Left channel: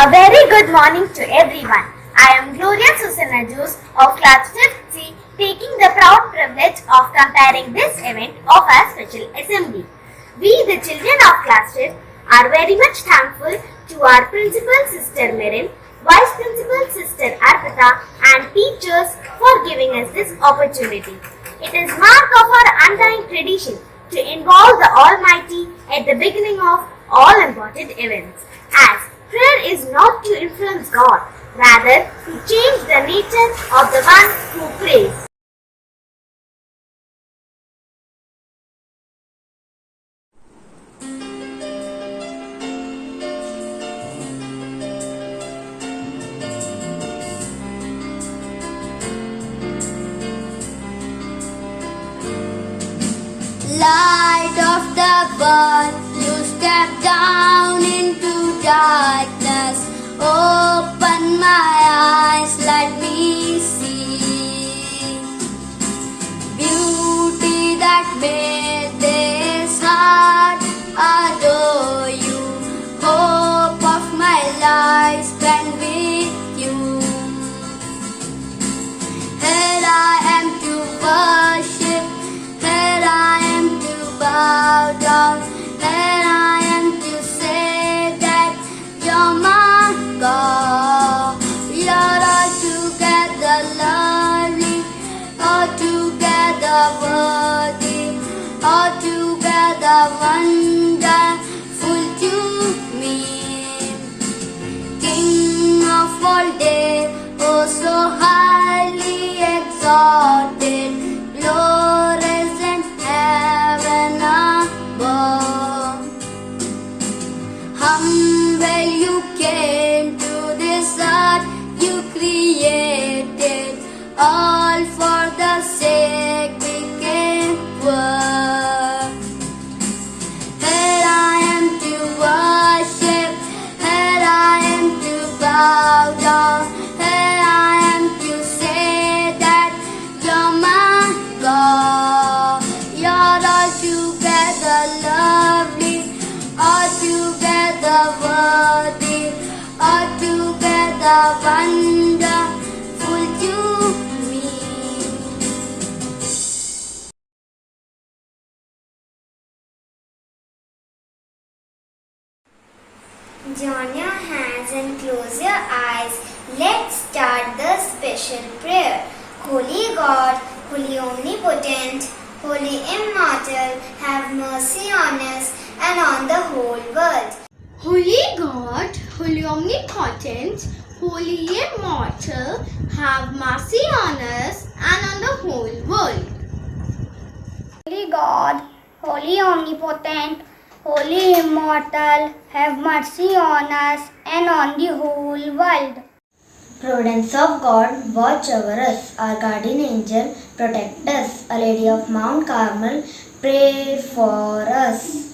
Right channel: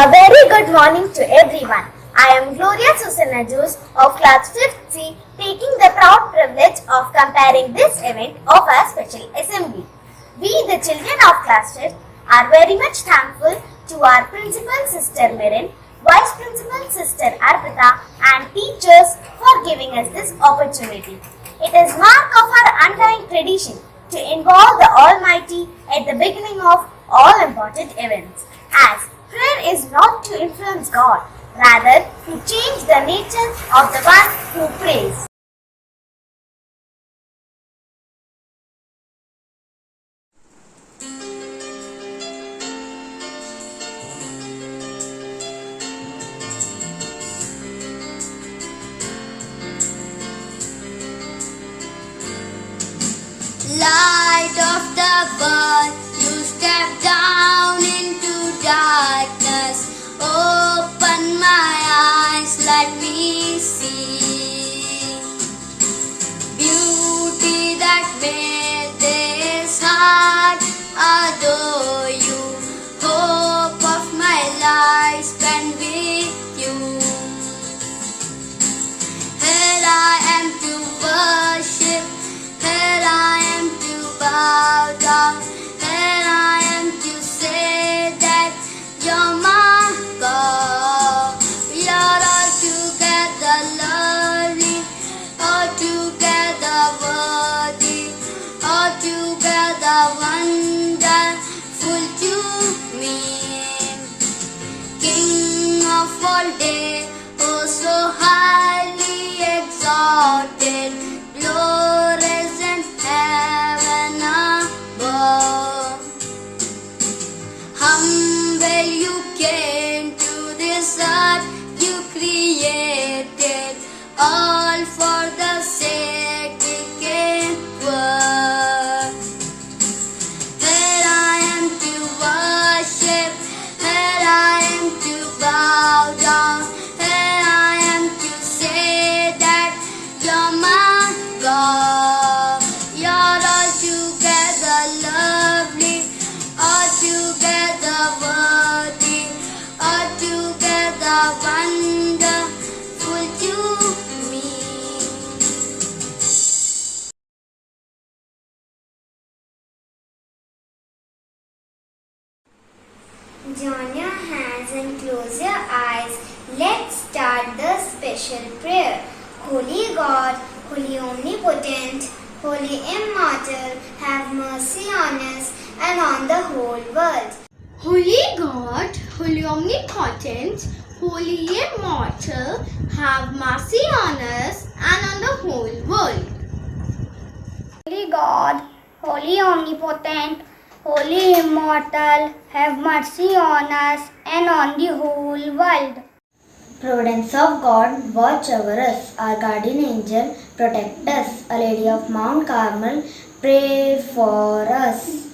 A very good morning to everyone. I am Gloria Susanna Jose of Class 5th C, taking the proud privilege of comparing this event of our special assembly. We, the children of Class 5th, are very much thankful to our Principal Sister Mirin, Vice Principal Sister Arpita, and teachers for giving us this opportunity. It is mark of our undying tradition to involve the Almighty at the beginning of all important events, as prayer is not to influence God, rather to change the nature of the one who prays. Light of the world, you step down into darkness. Open my eyes, let me see beauty that made this heart adore you. Hope of my life spent with you. Here I am to worship, here I am to bow down, here I am to say that you're my God. You're altogether lovely, altogether worthy, altogether wonderful to me. King of all day, oh so highly exalted, glorious in heaven above. Humble you came to this earth, you created all for the sake we came work. Here I am to worship, here I am to bow down, here I am to say that you're my God. You're altogether lovely, altogether worthy, altogether wonderful to me. Join your hands and close your eyes. Let's start the special prayer. Holy God, Holy Omnipotent, Holy Immortal, have mercy on us and on the whole world. Holy God, Holy Omnipotent, Holy Immortal, have mercy on us and on the whole world. Holy God, Holy Omnipotent, Holy Immortal, have mercy on us and on the whole world. Providence of God, watch over us. Our guardian angel, protect us. Our Lady of Mount Carmel, pray for us.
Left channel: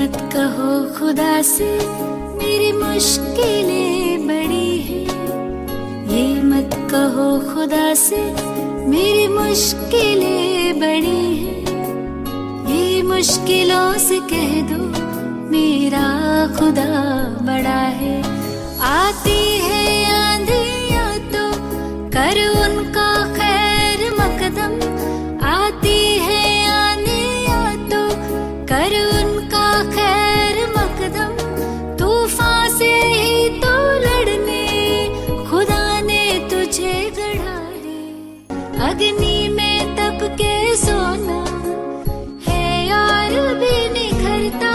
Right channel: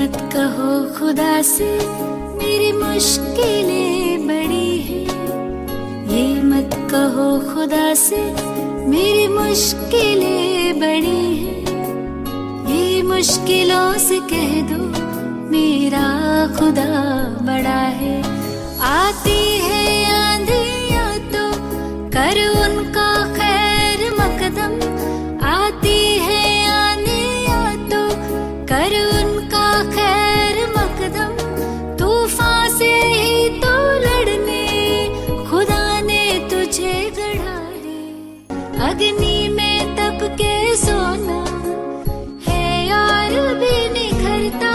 मत कहो खुदा से मेरी मुश्किलें बड़ी हैं, ये मत कहो खुदा से मेरी मुश्किलें बड़ी हैं, ये मुश्किलों से कह दो मेरा खुदा बड़ा है। आती है आंधियाँ तो कर उनका खैर मकदम, आती है आंधियाँ तो कर उनका खैर मकदम, तूफान से ही तो लड़ने खुदा ने तुझे गढ़ा है। अग्नि में तप के सोना है और भी निखरता,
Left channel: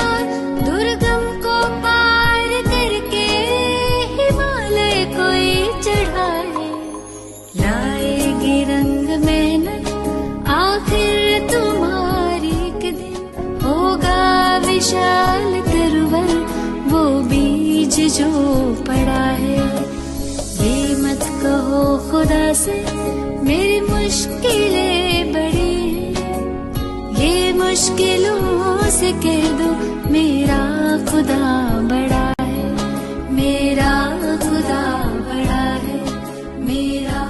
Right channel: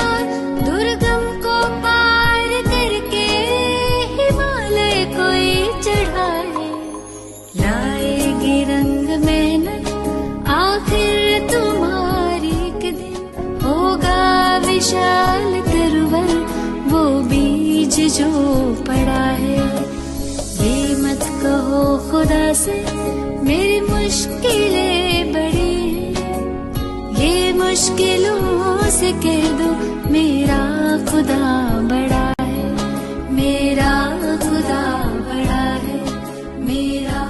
दुर्गम को पार करके हिमालय कोई चढ़ा है। लाएगी रंग मेहनत आखिर तुम्हारी एक दिन, होगा विशाल तरवर वो बीज जो पड़ा है। ये मत कहो खुदा से मेरी मुश्किलें बड़ी हैं, ये मुश्किलों से कह दो मेरा खुदा बड़ा है, मेरा खुदा बड़ा है, मेरा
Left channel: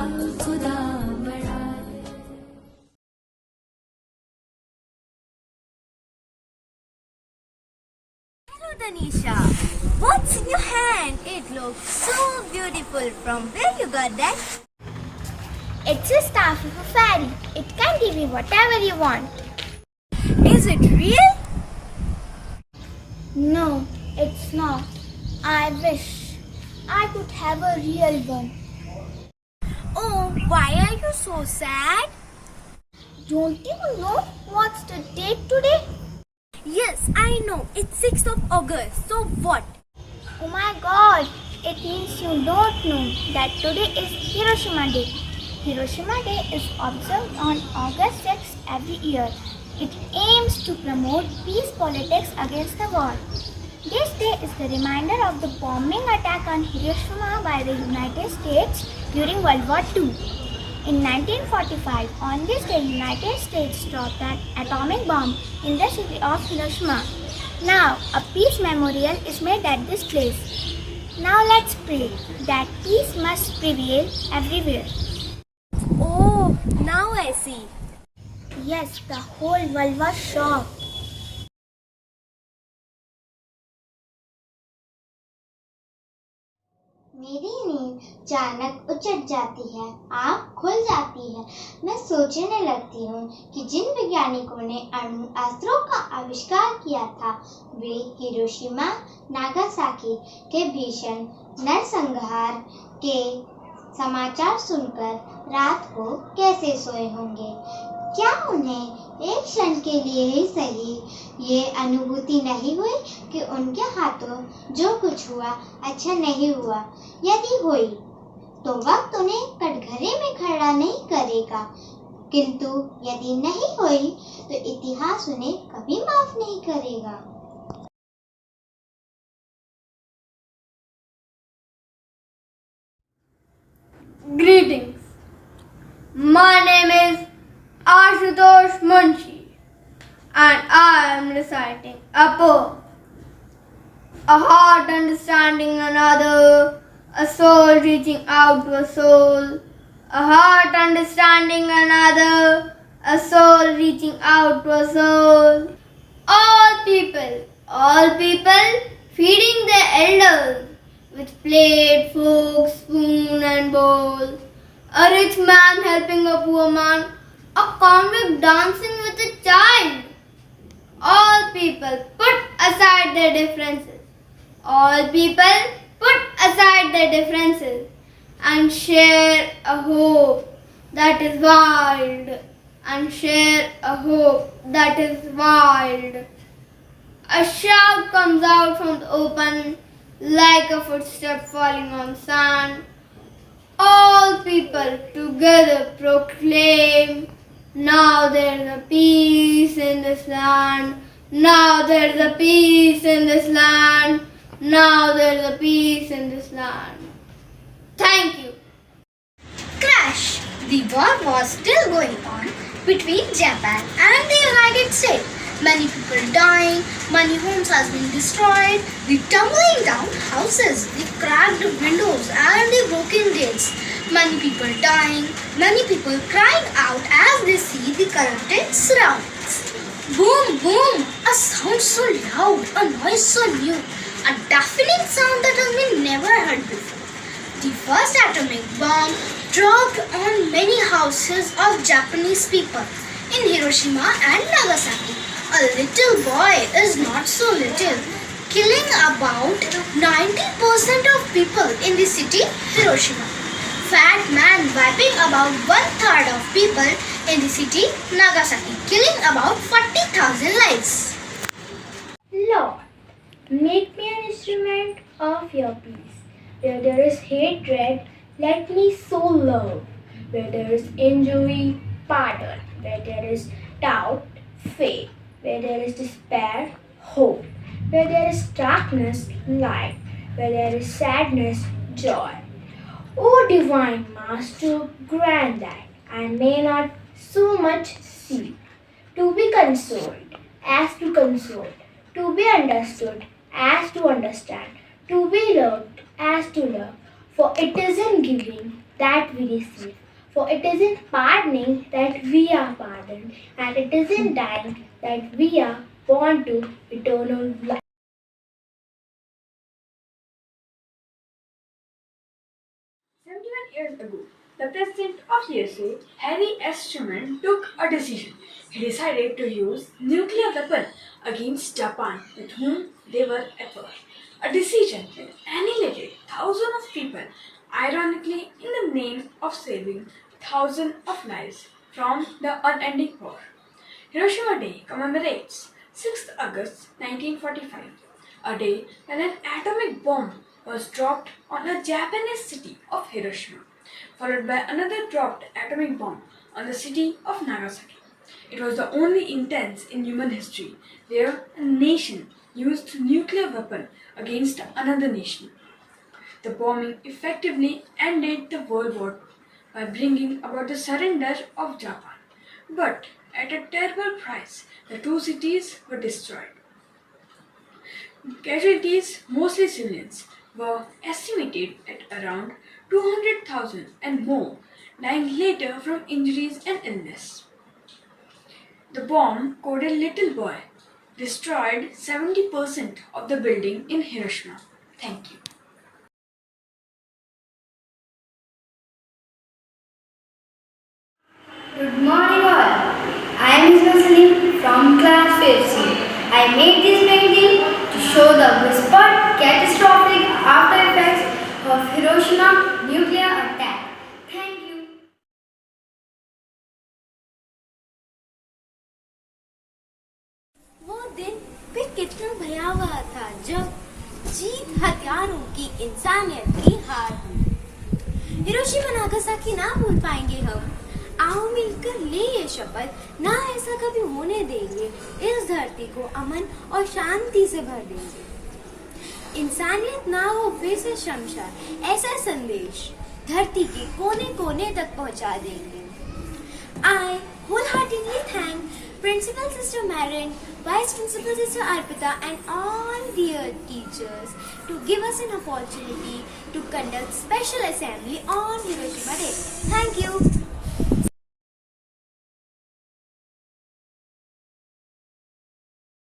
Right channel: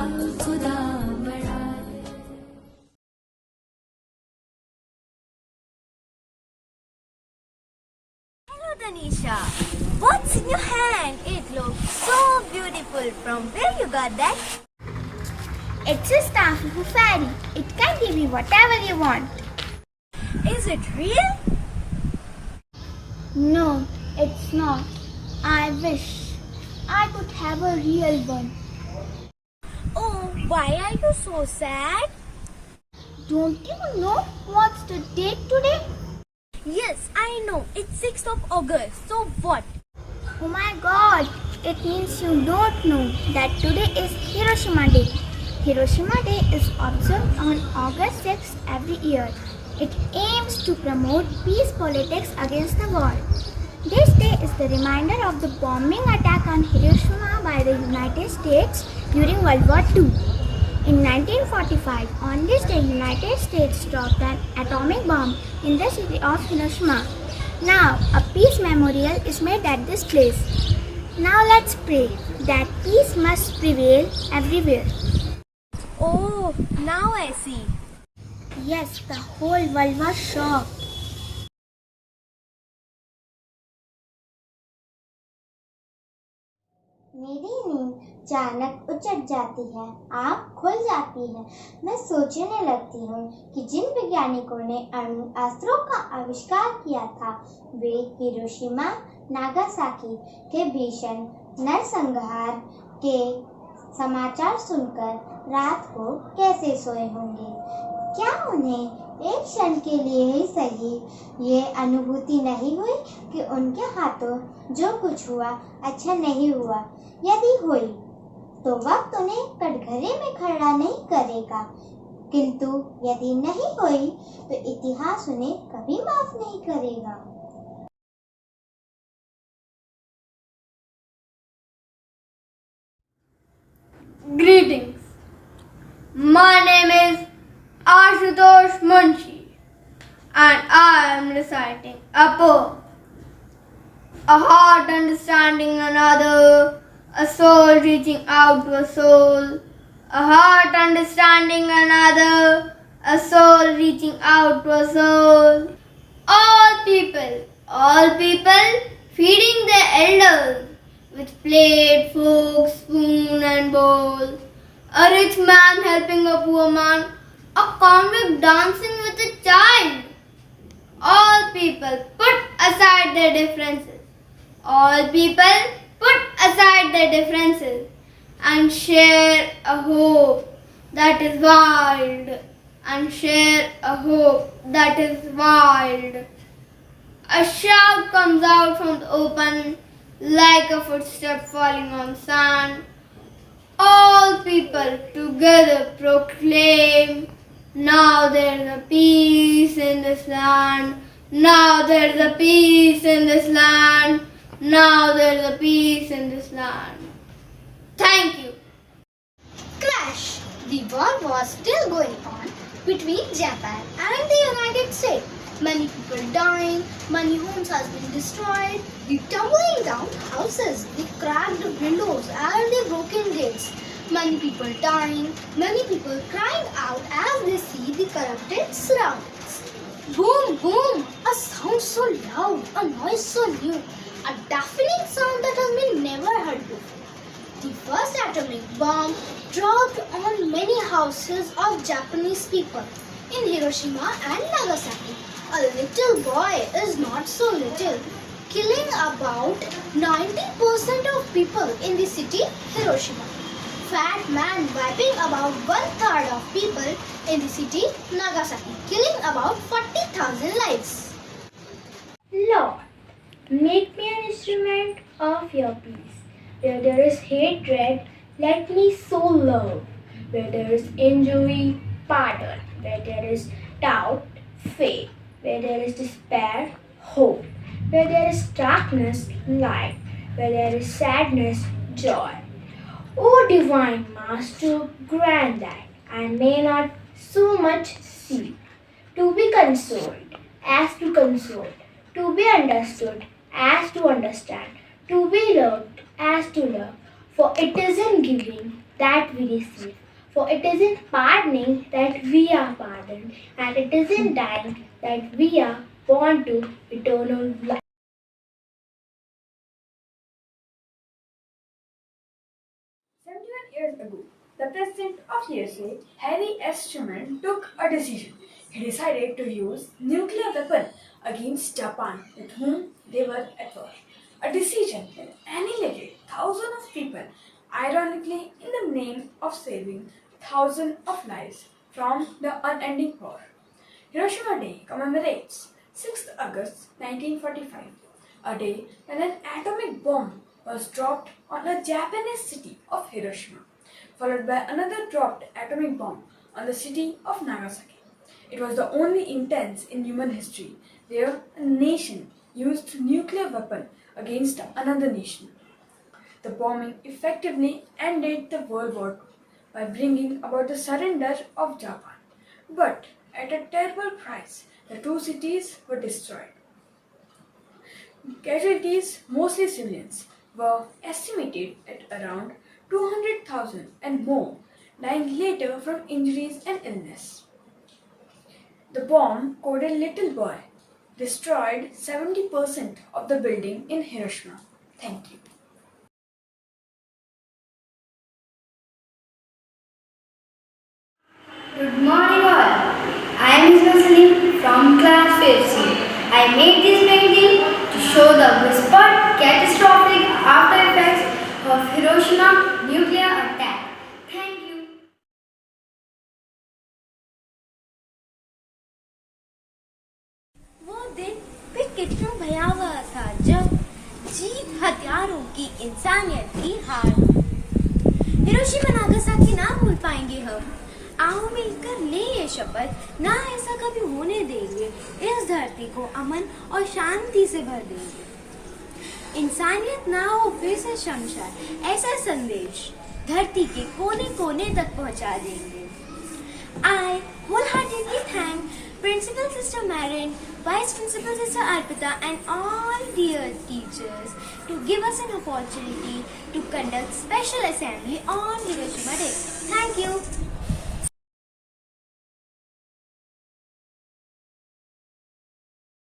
खुदा बड़ा है। Hello Danisha, what's in your hand? It looks so beautiful. From where you got that? It's a staff of a fairy. It can give you whatever you want. Is it real? No, it's not. I wish I could have a real one. Oh, why are you so sad? Don't you know what's the date today? Yes, I know. It's 6th of August. So what? Oh my god, it means you don't know that today is Hiroshima Day. Hiroshima Day is observed on August 6th every year. It aims to promote peace politics against the war. This day is the reminder of the bombing attack on Hiroshima by the United States during World War II. In 1945, on this day, United States dropped an atomic bomb in the city of Hiroshima. Now, a peace memorial is made at this place. Now let's pray that peace must prevail everywhere. Oh, now I see. Yes, the whole world was shocked. मेरी नींद अचानक उचट जाती है, आँख खुल जाती है। मैं सोचने लगती हूँ कि जिन वैज्ञानिकों ने अणु अस्त्रों का आविष्कार किया था वे हिरोशिमा नागासाकी के भीषण नरसंहार के समाचार सुनकर रात को कैसे सोए होंगे। क्या उन्हें एक क्षण के लिए ही सही ये अनुभूति नहीं हुई कि उनके हाथों जो कुछ हुआ अच्छा नहीं हुआ? यदि हुई तो वक्त उन्हें कटघरे में खड़ा नहीं करेगा, किंतु यदि नहीं हुई तो इतिहास उन्हें कभी माफ नहीं करेगा। Greetings. My name is Ashutosh Munshi and I am reciting a poem. A heart understanding another, a soul reaching out to a soul. A heart understanding another, a soul reaching out to a soul. All people feeding their elders with plate, fork, spoon and bowl. A rich man helping a poor man, a convict dancing with a child. All people put aside their differences. All people put aside their differences and share a hope that is wild. And share a hope that is wild. A shout comes out from the open like a footstep falling on sand. All people together proclaim, now there is a peace in this land. Now there is a peace in this land. Now there is a peace in this land. Thank you. Crash! The war was still going on between Japan and the United States. Many people dying, many homes has been destroyed, the tumbling down houses, the cracked windows and the broken gates. Many people dying, many people crying out as they see the corrupted surroundings. Boom, boom, a sound so loud, a noise so new, a deafening sound that has been never heard before. The first atomic bomb dropped on many houses of Japanese people in Hiroshima and Nagasaki. A little boy is not so little, killing about 90% of people in the city Hiroshima. Fat man wiping about 1/3 of people in the city Nagasaki, killing about 40,000 lives. Lord, make me an instrument of your peace. Where there is hatred, let me sow love. Where there is injury, pardon. Where there is doubt, faith. Where there is despair, hope. Where there is darkness, light. Where there is sadness, joy. O divine Master, grant that I may not so much see, to be consoled as to console, to be understood as to understand, to be loved as to love. For it is in giving that we receive, for it is in pardoning that we are pardoned, and it is in dying that we are born to eternal life. 71 years ago, the President of USA, Harry S. Truman, took a decision. He decided to use nuclear weapon against Japan, with whom they were at war. A decision that annihilated thousands of people, ironically in the name of saving thousands of lives from the unending war. Hiroshima Day commemorates 6th August 1945, a day when an atomic bomb was dropped on the Japanese city of Hiroshima, followed by another dropped atomic bomb on the city of Nagasaki. It was the only instance in human history where a nation used nuclear weapon against another nation. The bombing effectively ended the World War by bringing about the surrender of Japan. But at a terrible price, the two cities were destroyed. Casualties, mostly civilians, were estimated at around 200,000 and more, dying later from injuries and illness. The bomb, coded Little Boy, destroyed 70% of the building in Hiroshima. Thank you. Good morning all. I am Ismail Salim from class 5th. I made this painting to show the whispered catastrophic after effects of Hiroshima nuclear attack. Thank you. वो दिन भी कितना भयावह था जब jeep हथियारों की इंसानियत की हार। हिरोशिमा नागासाकी ना भूल पाएंगे हम। आओ मिलकर ले ये शपथ, ना ऐसा कभी होने देंगे। इस धरती को अमन और शांति से भर देंगे। इंसानियत ना हो फिर से शमशान, ऐसा संदेश धरती के कोने कोने तक पहुंचा देंगे। I wholeheartedly thank Principal Sister Marin, Vice Principal Sister Arpita and all dear teachers to give us an opportunity to conduct special assembly on Hiroshima Day. Thank you.